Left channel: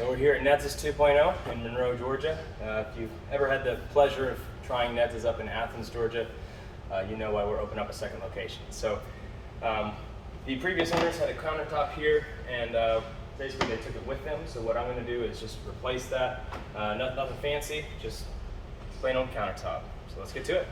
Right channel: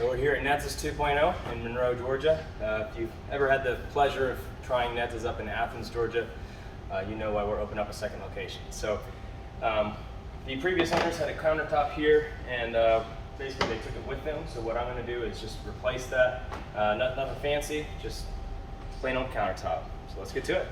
So we're here at Nedzas 2.0 in Monroe, Georgia. If you've ever had the pleasure of trying Nedzas up in Athens, Georgia, you know why we're opening up a second location. So the previous owners had a countertop here, and basically they took it with them. So what I'm going to do is just replace that. Nothing fancy, just plain old countertop. So let's get to it.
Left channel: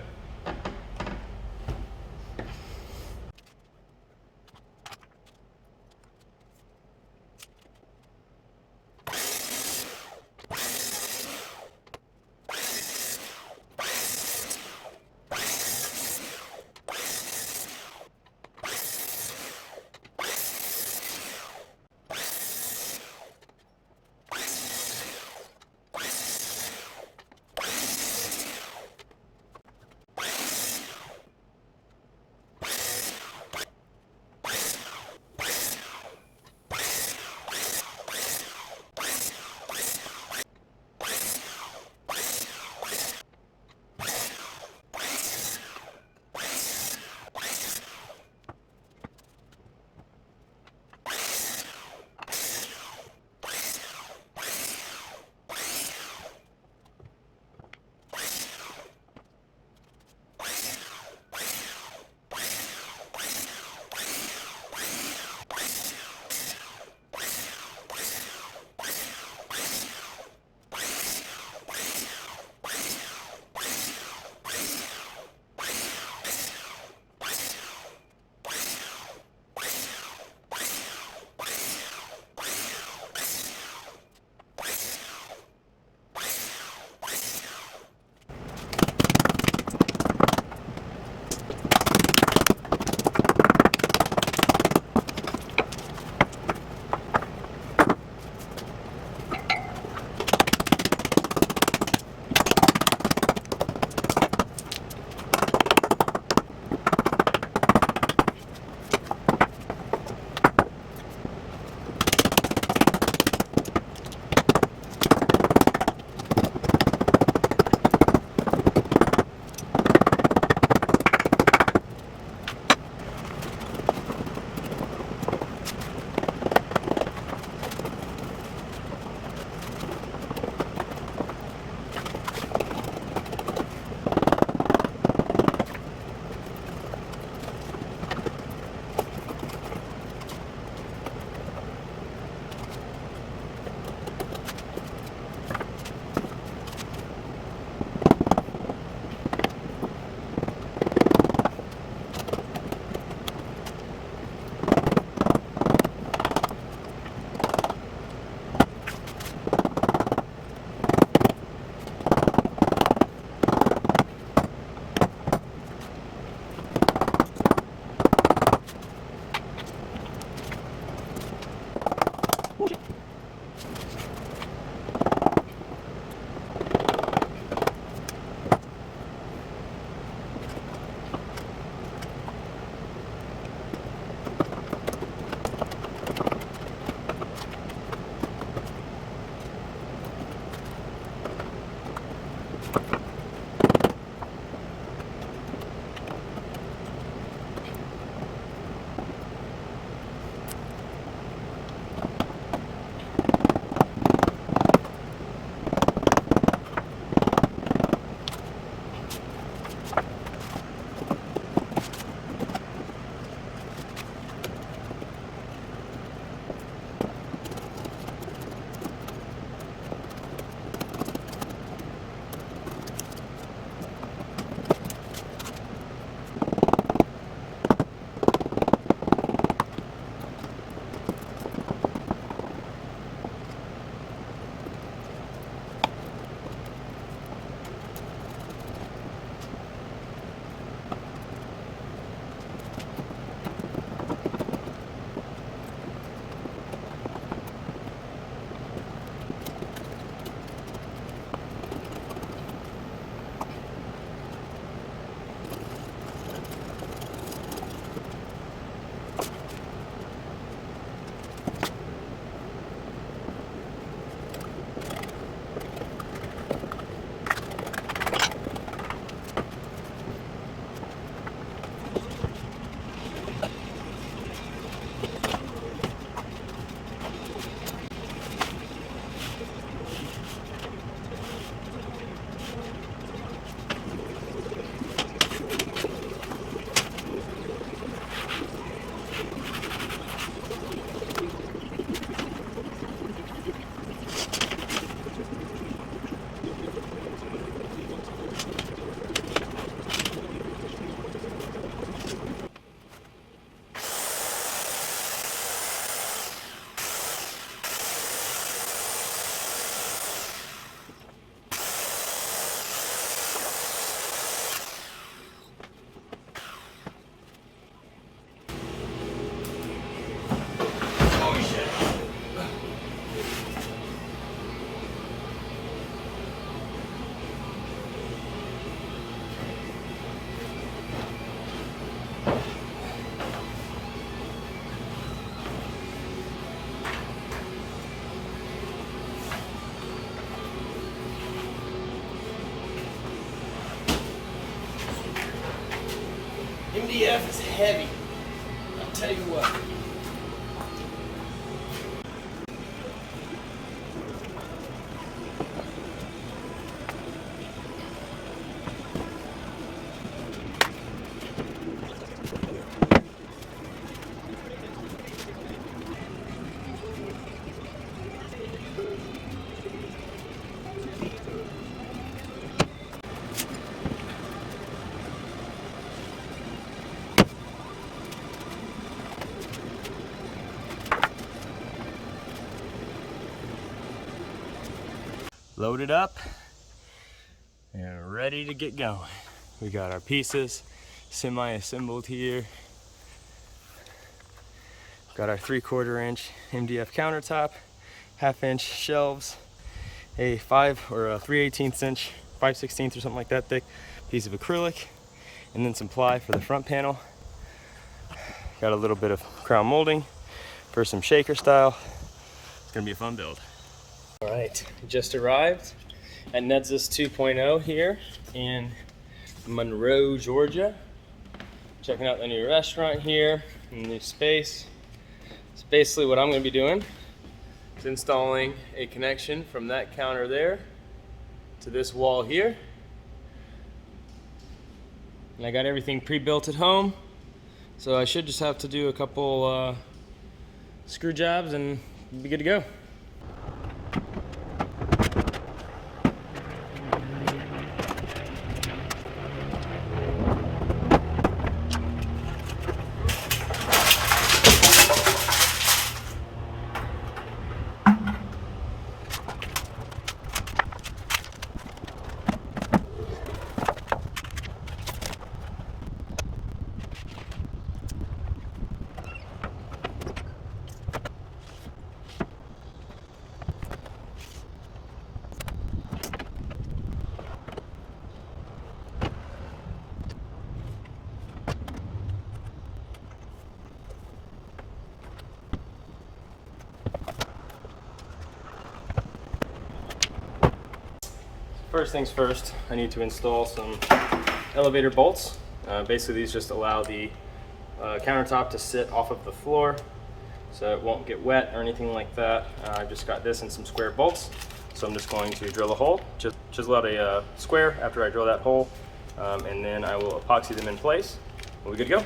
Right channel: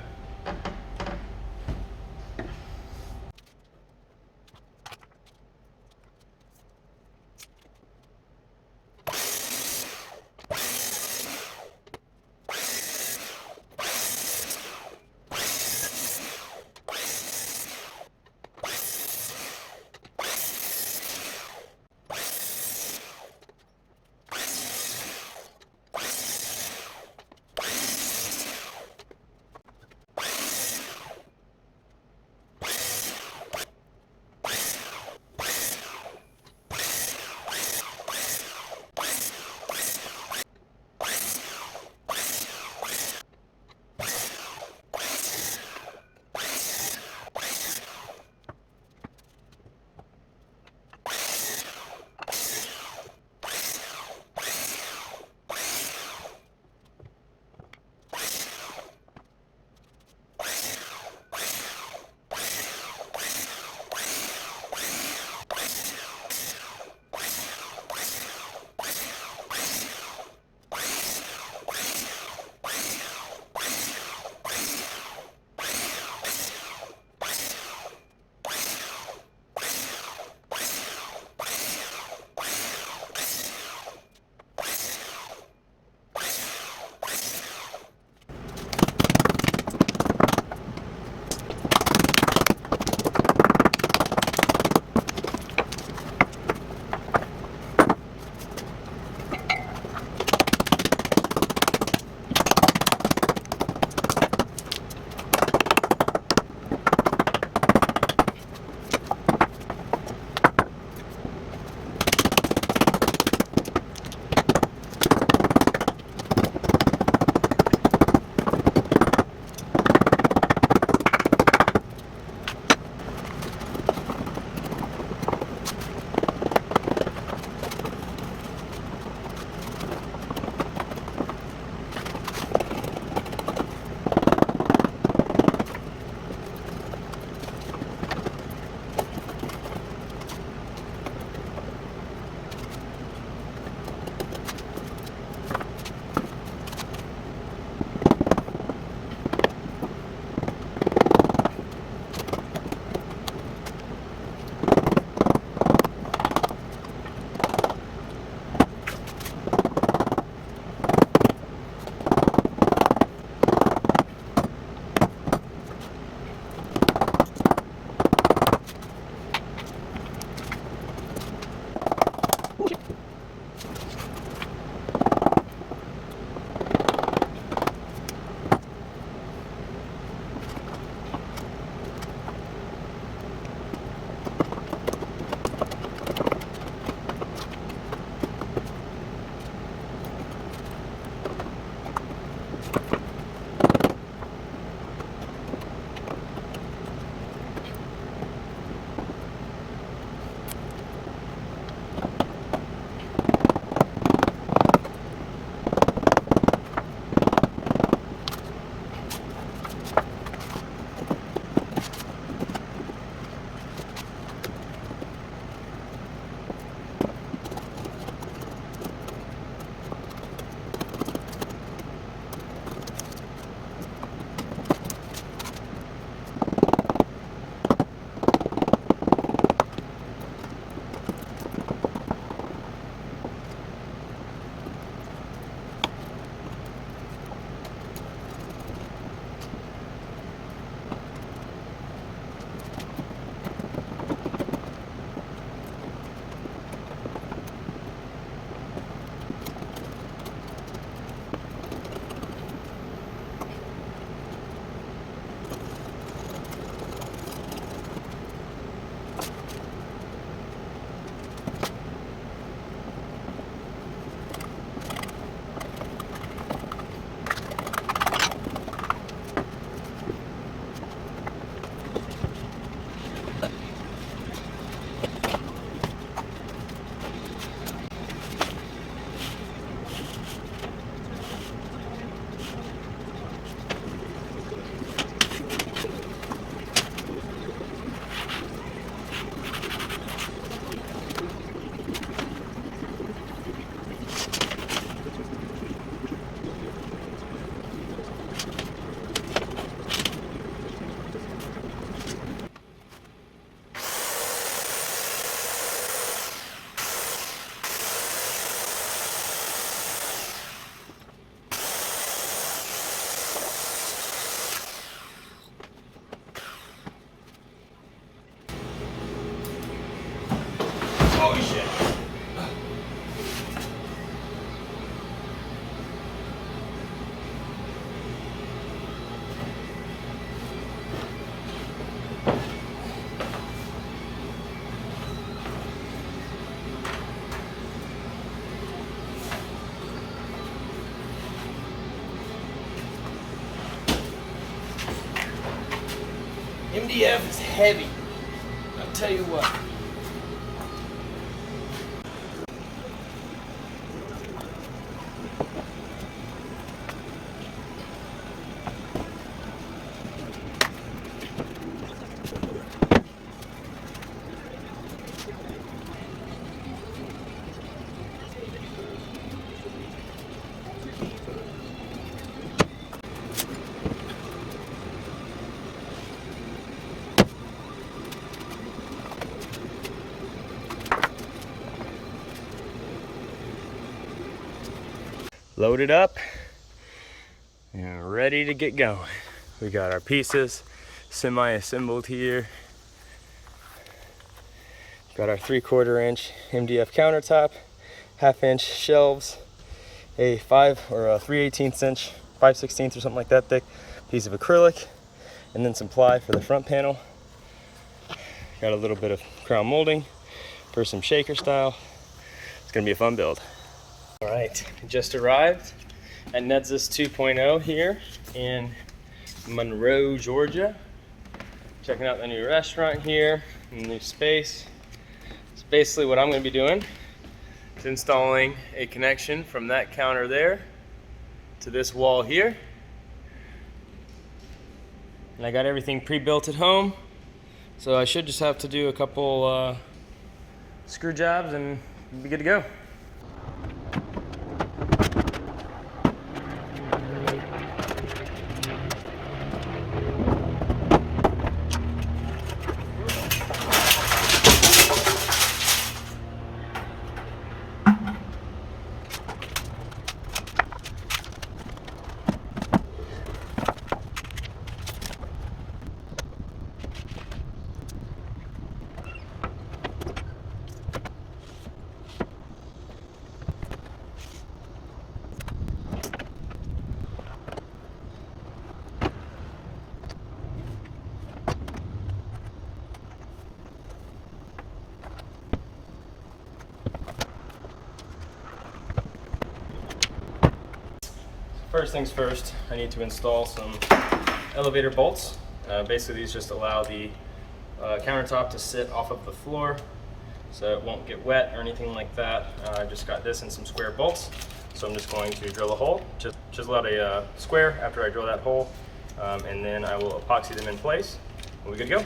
MDF is heavy. I'll tell you what. Loaded up and ready to get going. We got our pieces semi-assembled here. Got our 3/4 inch MDF countertop, 1/2 inch shelves, a 3/18 inch, 5/16 or something like that thick piece of acrylic, and then some ply for the front panel. Got a little bit of crown molding for some shaker style. It's gonna be a fun build. All right, just arrived at Nedzas 2.0 here in Monroe, Georgia. Checking out the new restaurant here, and the new space. So basically what I'm gonna be doing is installing a connection from that counter there to this wall here. And I got everything pre-built at home, so I should just have to do a couple screw jobs and be good to go. First things first, I need to install some elevator bolts. Basically these just allow the countertop to sit off of the floor so it won't get wet or anything like that. I just got this and some square bolts, so I'm just going to drill a hole. Just chisel out a square after I drill that hole, and then I will epoxy them in place. We're good to go.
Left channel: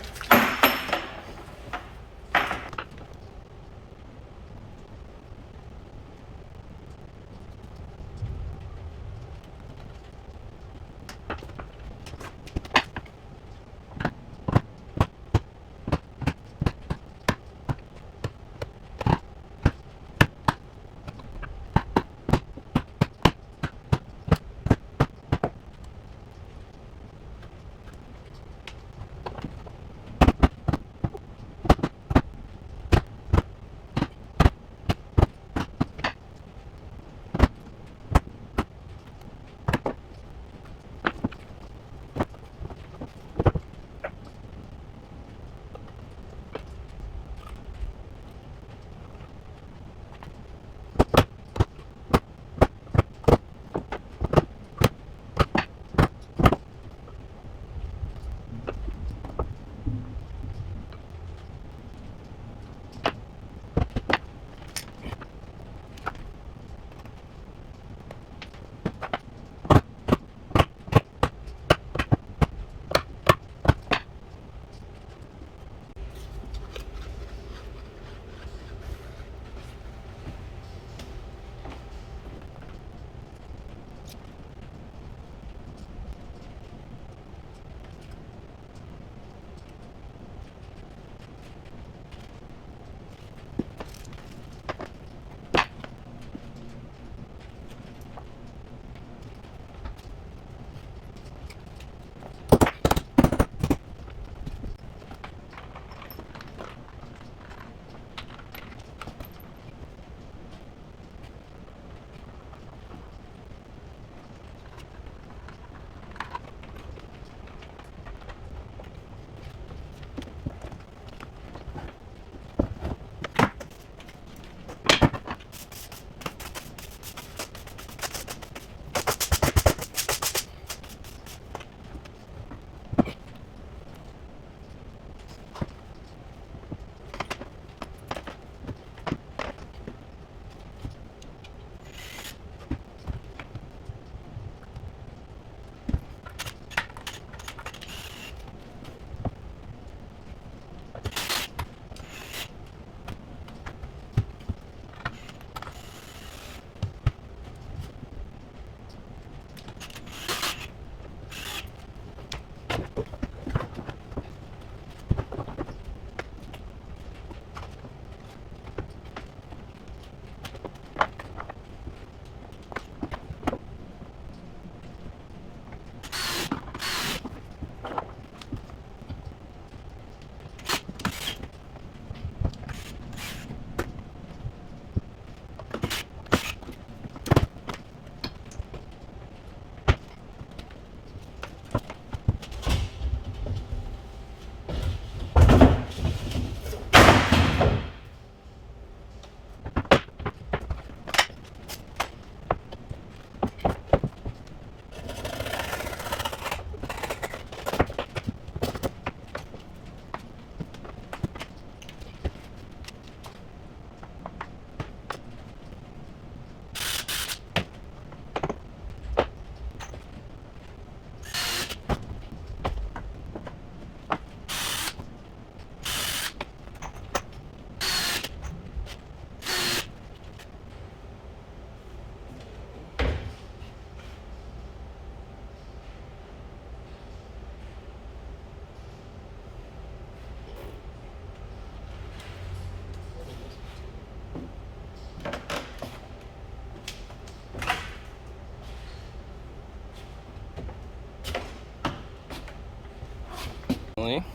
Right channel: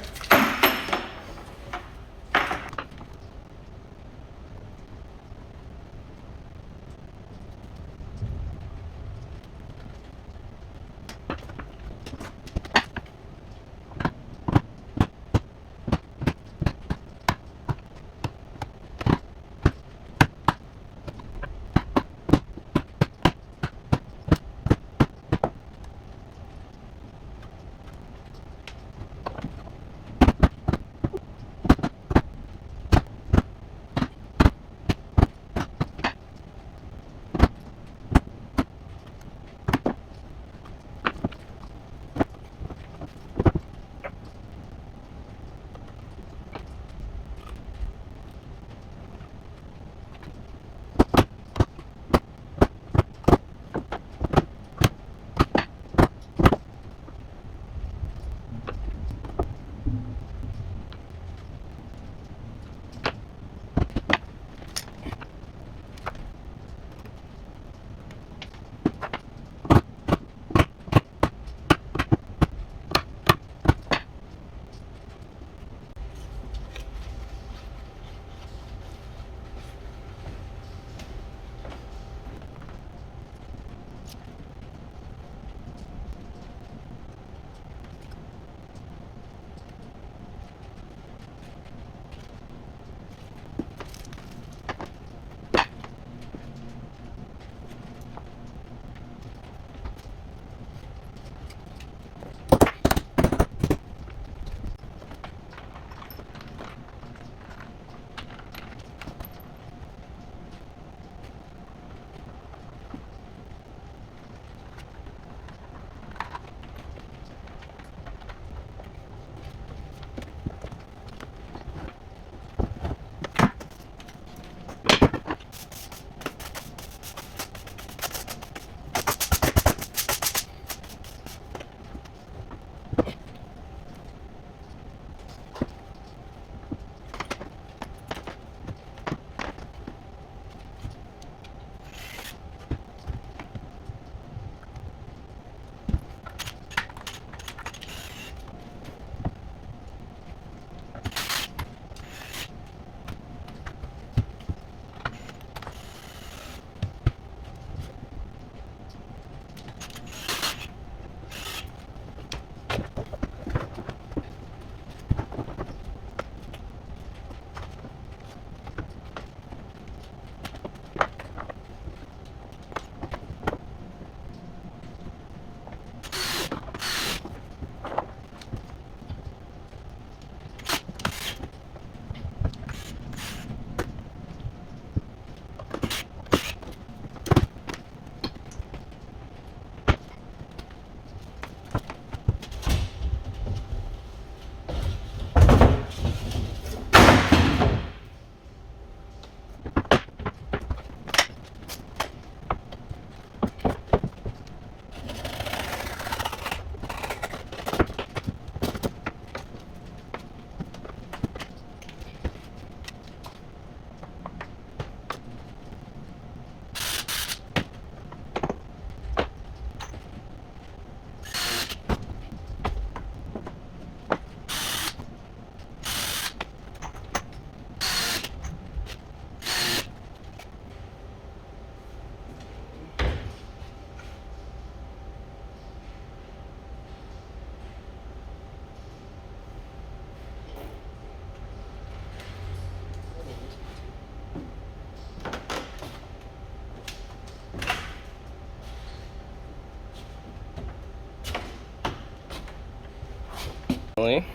unfortunately,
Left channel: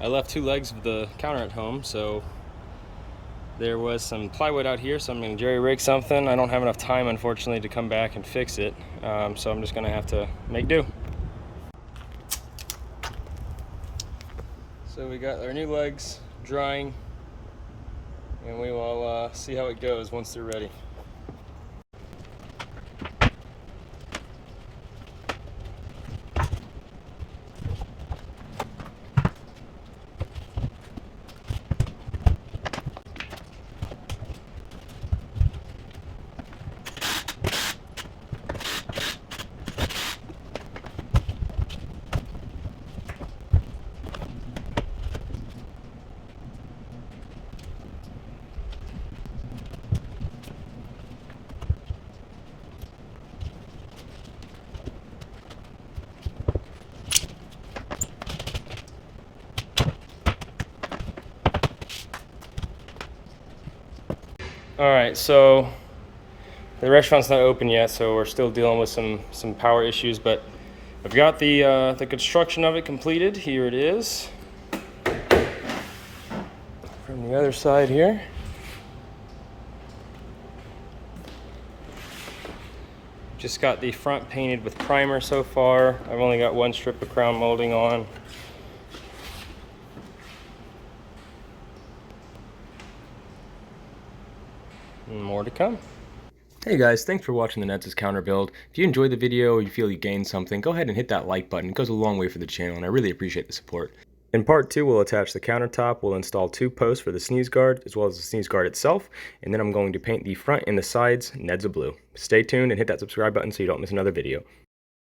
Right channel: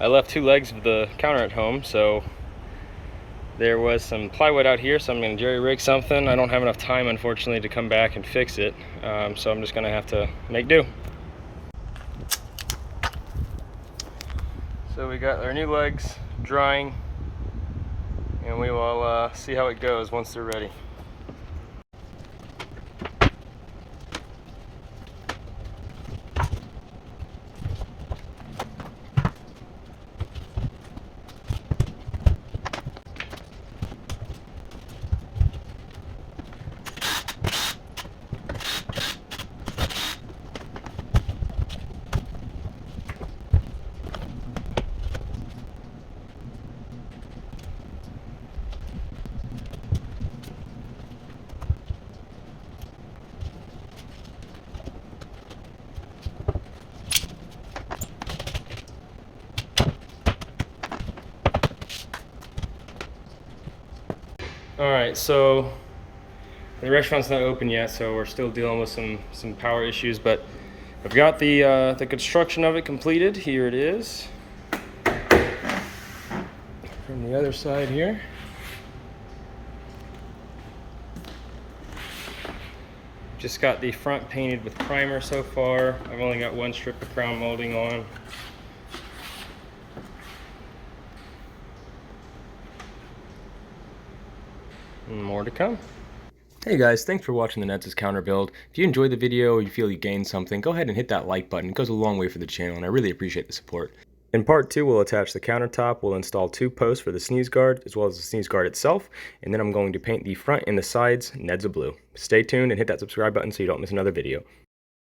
I left 2 legs of the counter at home, so there was some plywood out here, so I'm going to jerry rig something. I don't have enough time, unfortunately, to come back and fix it, so I'm just going to have to make do. So we got our new legs drying, and we will see how it goes once they're ready. All right, so the restaurant's not open yet, so we're still dealing with some power issues, but I've got the construction of it completed. Here it is. From the other side here. Just got the front painted with primer so far. I've only got 1 strip of crown molding on. And more to come. Hey guys, thanks for watching the Nedzas counter build. If you enjoyed the video or you feel you gained something, go ahead and hit that like button. It goes a long way for the channel and I really appreciate the support. In part 2, we'll attach the countertop, we'll install 2 posts for the sneeze guard, as well as the sneeze guard itself, and then I'm going to paint the front and the sides Nedza blue. Stay tuned and hit that subscribe button so you don't miss another video.